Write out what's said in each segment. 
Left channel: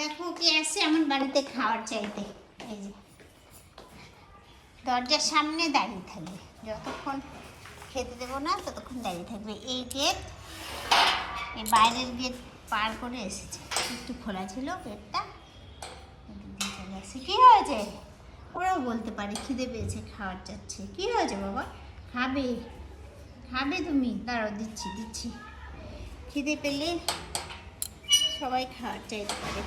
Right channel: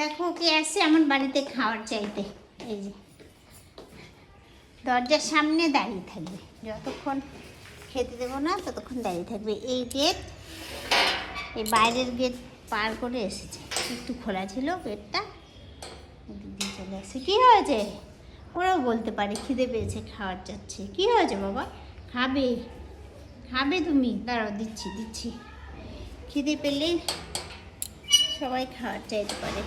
দেখো কে আসছে আমার বাড়িতে খাওয়ার চাইতে। এই যে দরজার সামনে দাঁড়িয়ে থাকবে, যতক্ষণ খেতে দেবো না ততক্ষণ দাঁড়িয়ে থাকবে। এই গেট, এই বাইরের গেট পার করে এসেছে, একটু খোলা ছিল গেটটা, চলে এসে। কী হয়েছে? ওরাও বলতে পারে খিদে পেয়েছে, খাওয়ার চাচ্ছে। কী হয়েছে বাবা? খাবে খাবে তুমি? দাঁড়াও, দিচ্ছি দিচ্ছি। খিদে পেলেই সবাই খাওয়ার চাইতে পারে,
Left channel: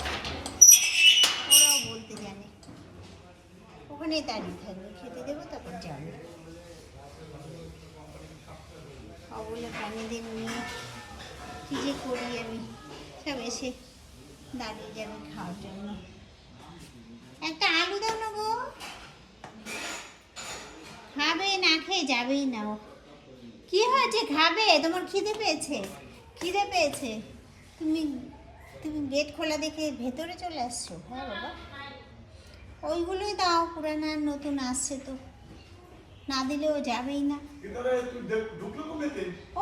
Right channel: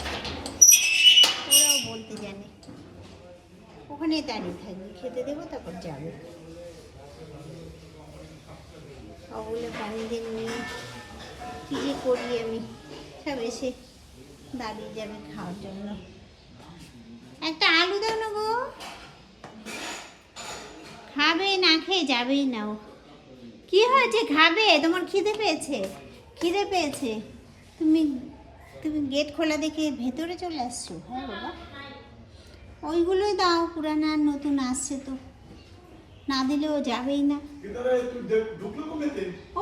ওরাও বলতে জানে। ওখানেই দাঁড়িয়ে থাকবে, খেতে দেবো তারপর যাবে। ওগুলো প্রাণীদের নিয়ে কী যে করি আমি, সব এসে দাঁড়িয়ে যাবে খাওয়ার জন্য। একটা আলু দাও না গো, খাবে না খেয়ে যাবেই না ও। কী হয়েছে? খাবে? তোমার খিদে পেয়েছে? খিদে পেয়েছে? তুমি তুমি গেট খোলা দেখে ভেতরে চলে আসছো? হ্যাঁ বাবা, ওইগুলোই দাও, পুরানা আর নতুন আসছে তো, না দিলেও যাবেই না।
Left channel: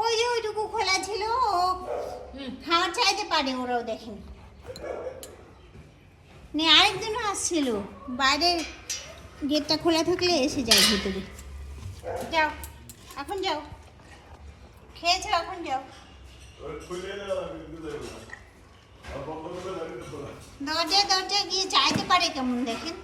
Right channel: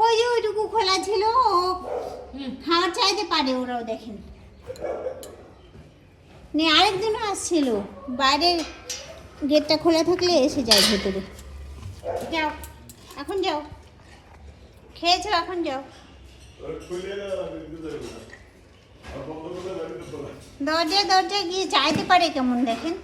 ওই যে ওইটুকু খোলা ছিল, ও খাওয়ার চাইতে পারে, ওরাও দেখেন। নে, আরেকদিনও আসছিল, বাইরের গেটটা খোলা থাকলে এসে যায় ভেতরে। যাও, এখন যাও, খেয়েছো, এখন যাও। দরজা দরজা গিয়ে চাইতে পারে কেমন দেখেন।